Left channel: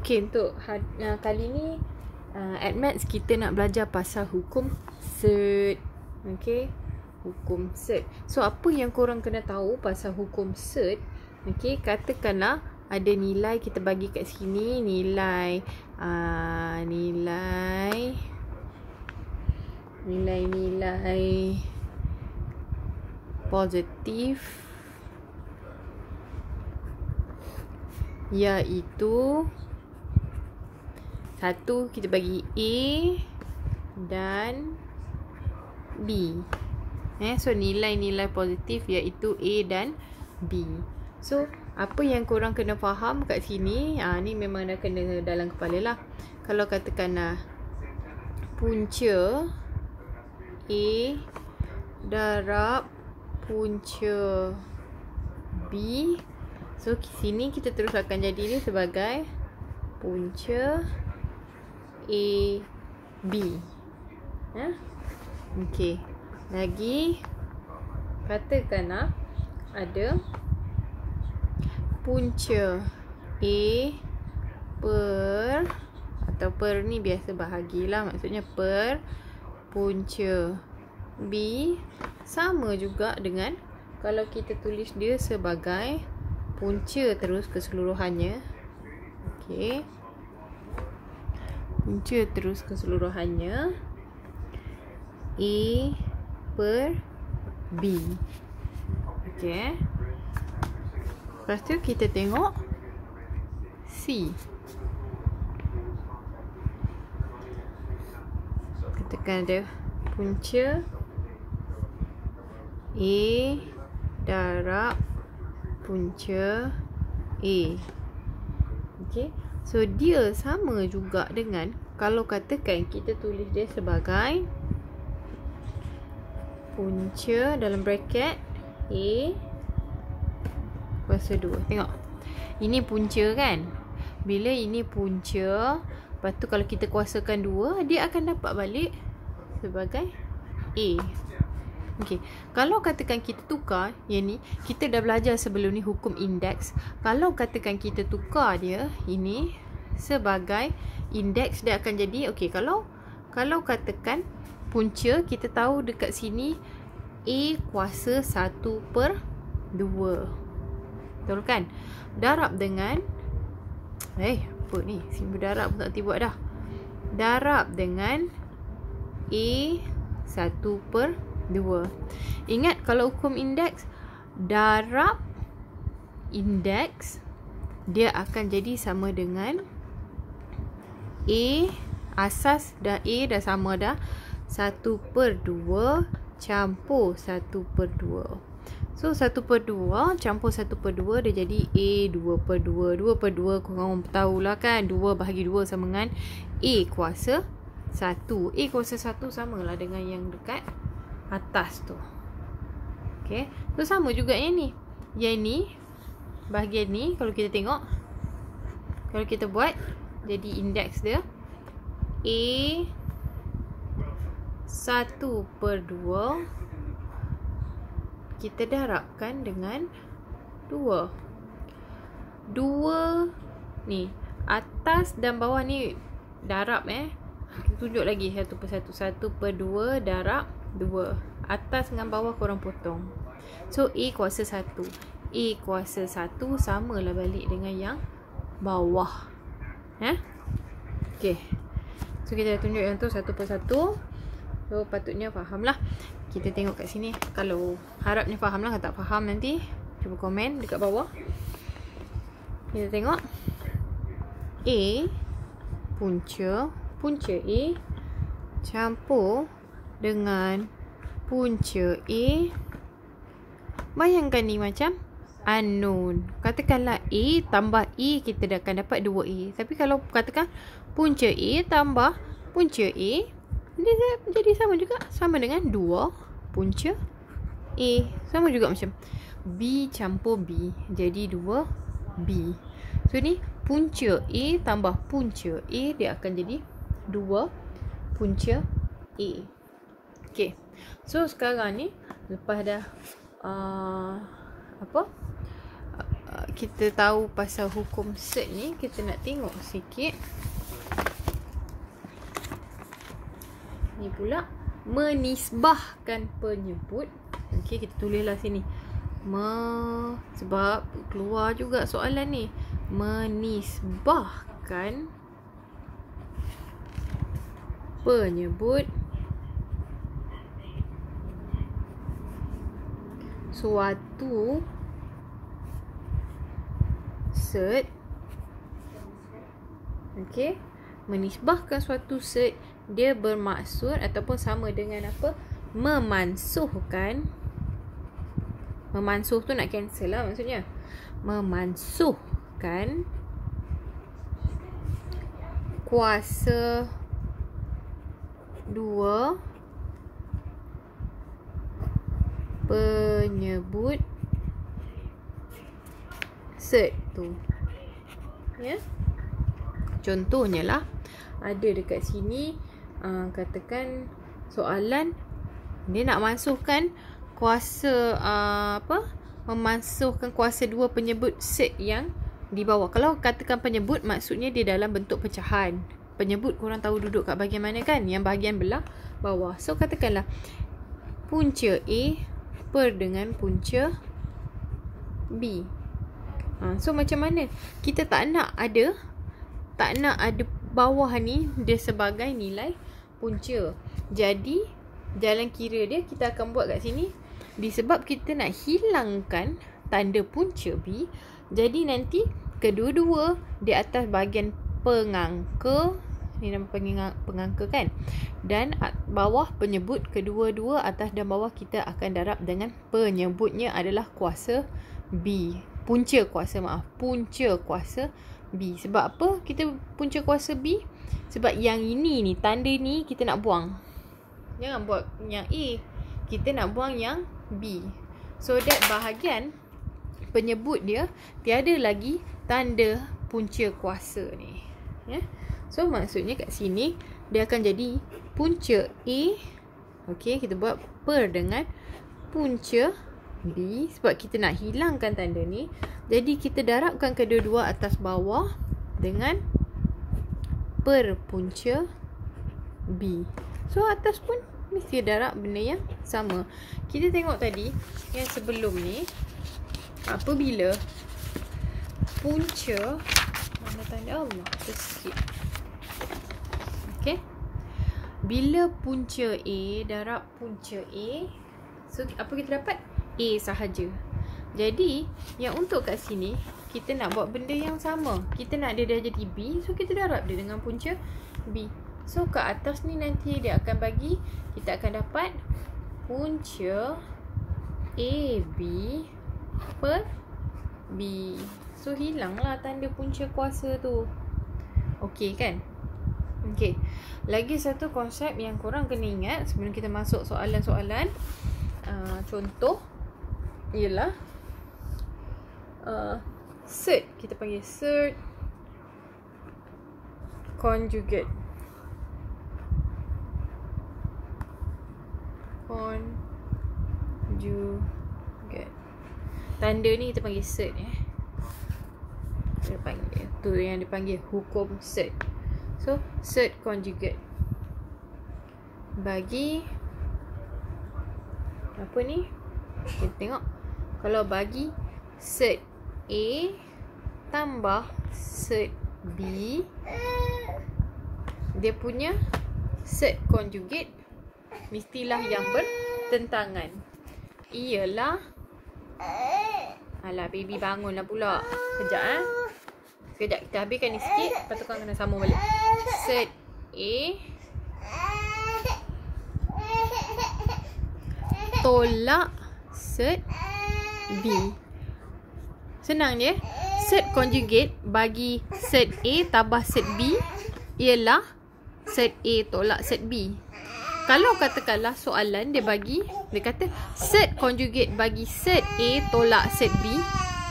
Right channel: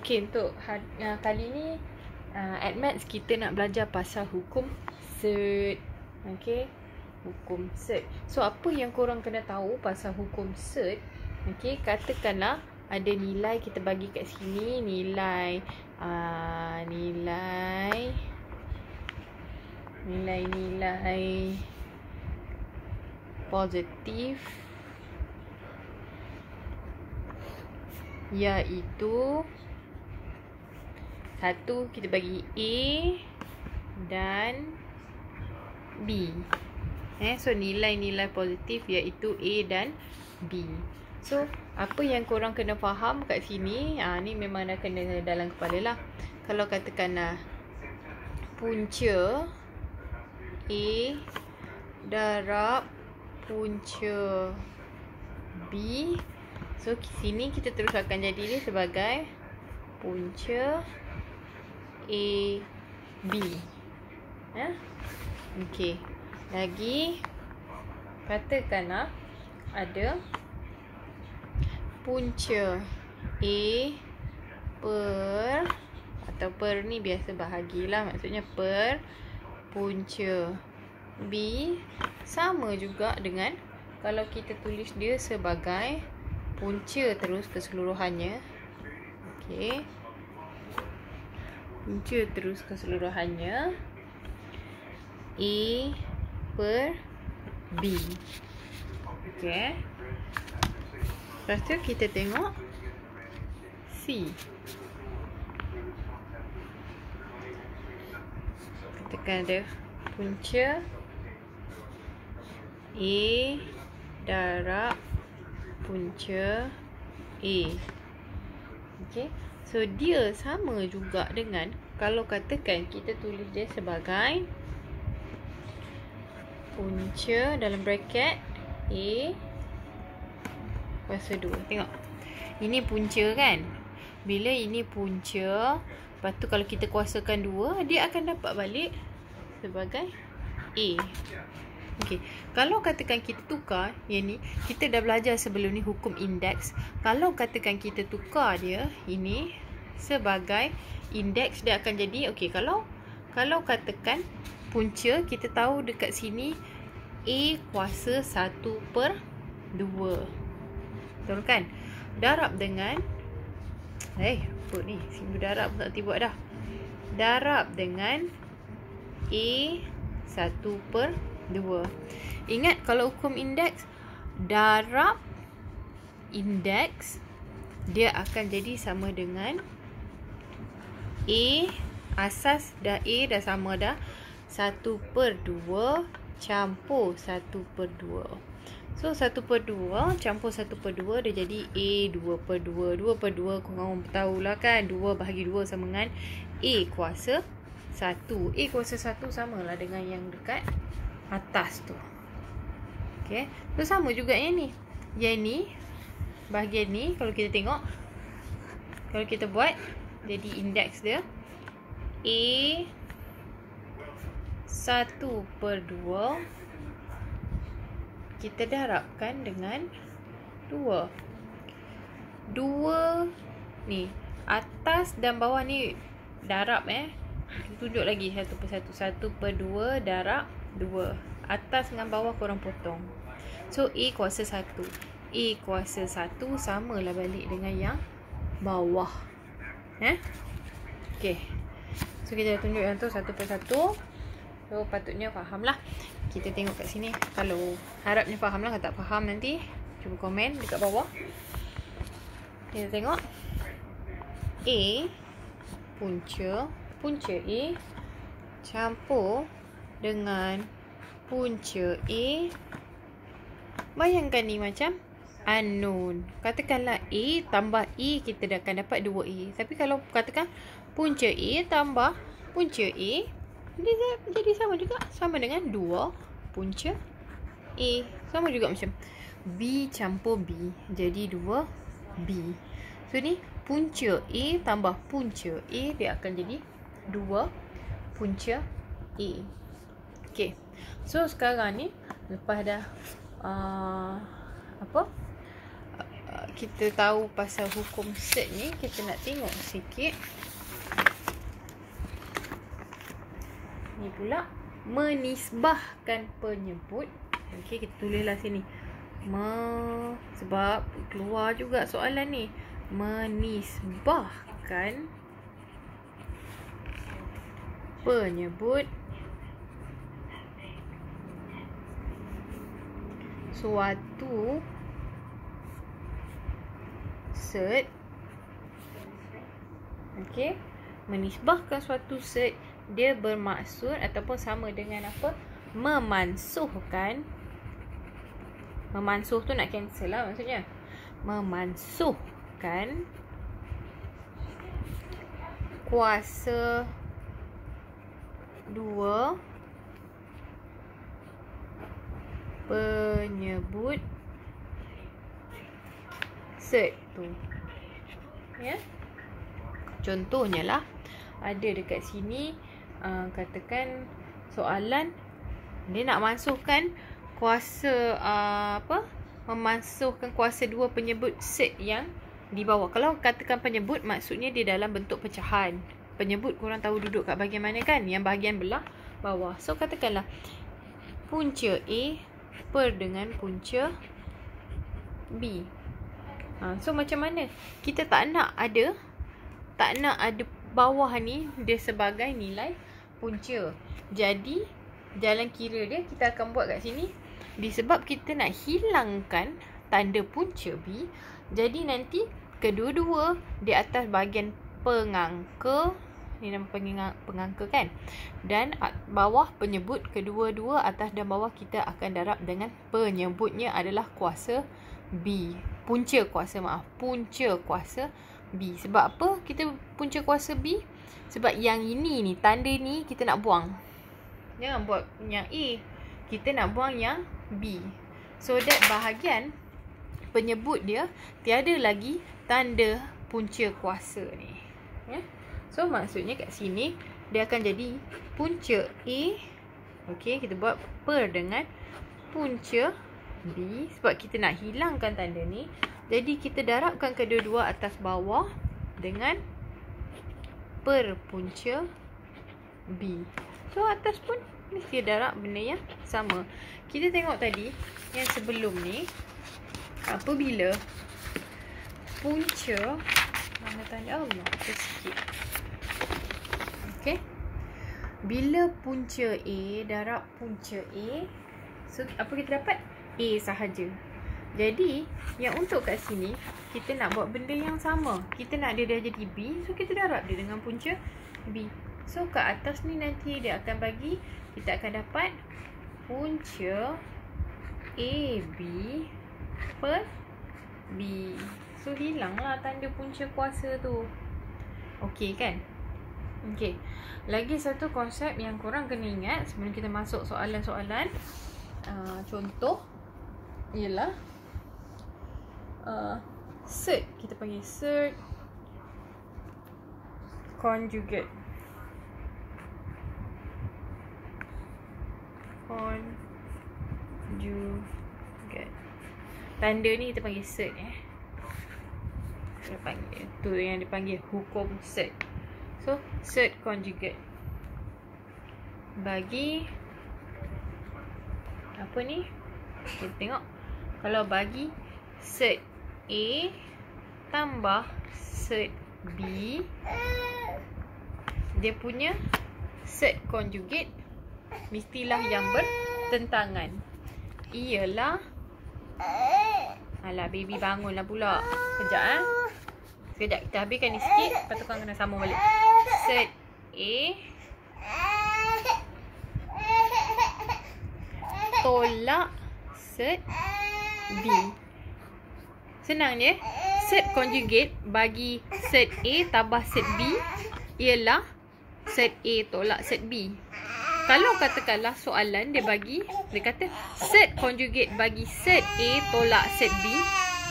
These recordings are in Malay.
Okey, untuk kali ni at Maths kita nak belajar pasal hukum cert. Okey, hukum cert. So apa yang korang kena tahu pasal hukum cert? Okey, katakanlah ada nilai kita bagi kat sini, nilai positif, iaitu satu kita bagi A dan B. So nilai-nilai positif iaitu A dan B. So apa yang korang kena faham kat sini, ni memang dah kena dalam kepala lah. Kalau katakanlah punca A darab punca B, so sini kita terus akan jadi ni sebagai punca A B. Okey. Lagi katakanlah ada punca A per ni biasa bahagilah, maksudnya per punca B sama juga dengan kalau kita tulis dia sebagai punca terus keseluruhannya. Okey. Punca terus keseluruhannya A per B. Okey. Lepas tu kita tengok C. Katakan ada punca A darab punca A. Okey. So dia sama juga dengan kalau katakan kita tulis dia sebagai punca dalam bracket A kuasa 2. Tengok. Ini punca kan? Bila ini punca, lepas tu kalau kita kuasakan 2, dia akan dapat balik sebagai A. Okey. Kalau katakan kita tukar, yang ni kita dah belajar sebelum ni hukum indeks. Kalau katakan kita tukar dia ini sebagai indeks, dia akan jadi okey, kalau katakan punca kita tahu dekat sini A kuasa 1/2. Betul kan? Darab dengan apa ni? Simbol darab tak tiba dah. Darab dengan A 1/2. Ingat kalau hukum indeks, darab indeks dia akan jadi sama dengan A asas dah, A dah sama dah, 1/2 campur 1/2. So 1/2 campur 1/2 dia jadi A 2/2. 2/2 korang tahulah kan, 2 bahagi 2 sama dengan A kuasa 1. A kuasa 1 samalah dengan yang dekat atas tu. Okay. So sama juga yang ni. Yang ni, bahagian ni kalau kita tengok, kalau kita buat jadi indeks dia A 1/2 kita darabkan dengan 2. 2 ni atas dan bawah ni darab kita tunjuk lagi 1/1. 1/2 darab 2. Atas dengan bawah korang potong. So A kuasa 1. A kuasa 1 samalah balik dengan yang bawah. Okey. So kita tunjuk yang tu 1/1. So patutnya faham lah. Kita tengok kat sini. Kalau harapnya faham lah. Kalau tak faham nanti cuba komen dekat bawah. Kita tengok A punca A campur dengan punca A. Bayangkan ni macam unknown. Katakanlah A tambah A, kita dah akan dapat 2A. Tapi kalau katakan punca A tambah punca A, dia jadi sama juga, sama dengan 2 punca A. Sama juga macam B campur B, jadi 2B. So ni punca A tambah punca A, dia akan jadi 2 punca A. Okay. So sekarang ni lepas dah kita tahu pasal hukum set ni, kita nak tengok sikit. Ni pula menisbahkan penyebut. Okey, kita tulislah sini. Sebab keluar juga soalan ni. Menisbahkan penyebut suatu set. Okey, menisbahkan suatu set, dia bermaksud ataupun sama dengan apa? Memansuhkan. Memansuh tu nak cancel lah maksudnya. Memansuhkan kuasa 2 penyebut set tu. Ya. Contohnya lah, ada dekat sini katakan soalan dia nak masukkan kuasa memasukkan kuasa 2 penyebut set yang di bawah. Kalau katakan penyebut, maksudnya dia dalam bentuk pecahan. Penyebut korang tahu duduk kat bahagian mana kan? Yang bahagian belah bawah. So katakanlah punca A per dengan punca B. So macam mana? Kita tak nak ada bawah ni dia sebagai nilai punca. Jadi jalan kira dia kita akan buat kat sini. Disebab kita nak hilangkan tanda punca B, jadi nanti kedua-dua di atas bahagian pengangka, ni nama pengangka kan, dan bawah penyebut, kedua-dua atas dan bawah kita akan darab dengan penyebutnya adalah kuasa B. Punca kuasa B. Sebab apa kita punca kuasa B? Sebab yang ini ni, tanda ni kita nak buang. Jangan buat yang A, kita nak buang yang B. So that bahagian penyebut dia tiada lagi tanda punca kuasa ni. Ya. So maksudnya kat sini dia akan jadi punca A. Okey, kita buat per dengan punca B sebab kita nak hilangkan tanda ni. Jadi kita darabkan kedua-dua atas bawah dengan per punca B. So atas pun mesti darab benda yang sama. Kita tengok tadi yang sebelum ni, apabila punca, mana tanda Allah sikit. Okey. Bila punca A darab punca A, so apa kita dapat? A sahaja. Jadi yang untuk kat sini kita nak buat benda yang sama. Kita nak dia jadi B, so kita darab dia dengan punca B. So kat atas ni nanti dia akan bagi, kita akan dapat punca AB per B. So hilanglah tanda punca kuasa tu. Okey kan? Okey. Lagi satu konsep yang korang kena ingat sebelum kita masuk soalan-soalan. Contoh ialah set. Kita panggil set conjugate. Tanda ni kita panggil set kita panggil tu yang dipanggil hukum set. So set conjugate bagi apa ni? Kita tengok. Kalau bagi set A tambah set B, dia punya set conjugate mestilah yang bertentangan. Ialah, alah baby bangunlah pula. Sekejap sekejap, kita habiskan ni sikit, lepas tu kena sambung balik. Set A tolak set B. Senang je. Set conjugate bagi set A tambah set B ialah set A tolak set B. Kalau katakanlah soalan dia bagi, dia kata set conjugate bagi set A tolak set B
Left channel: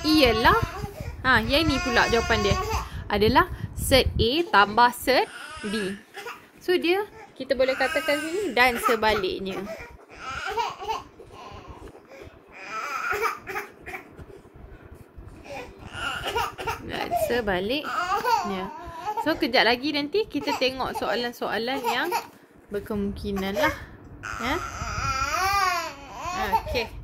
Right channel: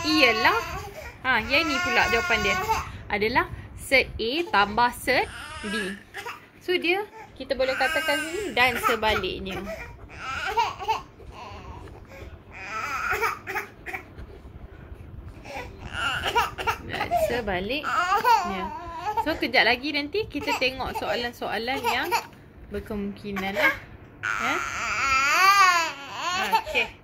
ialah, yang ni pula jawapan dia adalah set A tambah set B. So dia, kita boleh katakan sini dan sebaliknya. kuasa balik. Ya. So kejap lagi nanti kita tengok soalan-soalan yang berkemungkinan lah. Ha? Okay.